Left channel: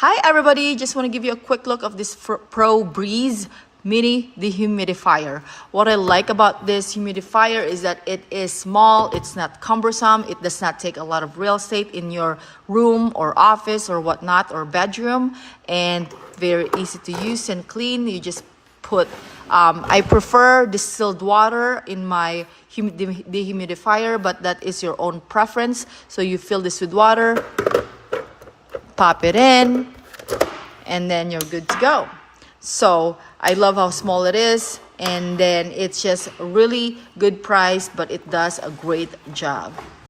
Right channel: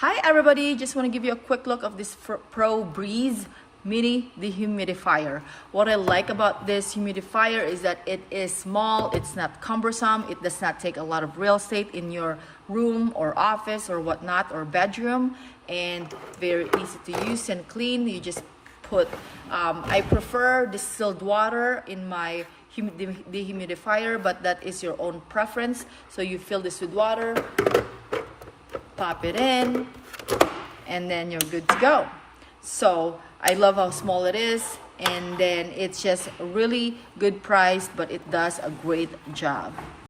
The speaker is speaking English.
Hi everybody, just want to give you a quick look of this Pro Breeze mini dehumidifier. What I like about this humidifier is that it is small, it's not cumbersome, it does not take a lot of real estate in your room or office or whatnot or bedroom, and very easy to use and clean. You just put I prefer distilled water in my dehumidifier, but that is your own preference. So you fill this with water, pop it in, and then you're good to go. So I love how small it is, and then it's just a really good price, but it does a great job.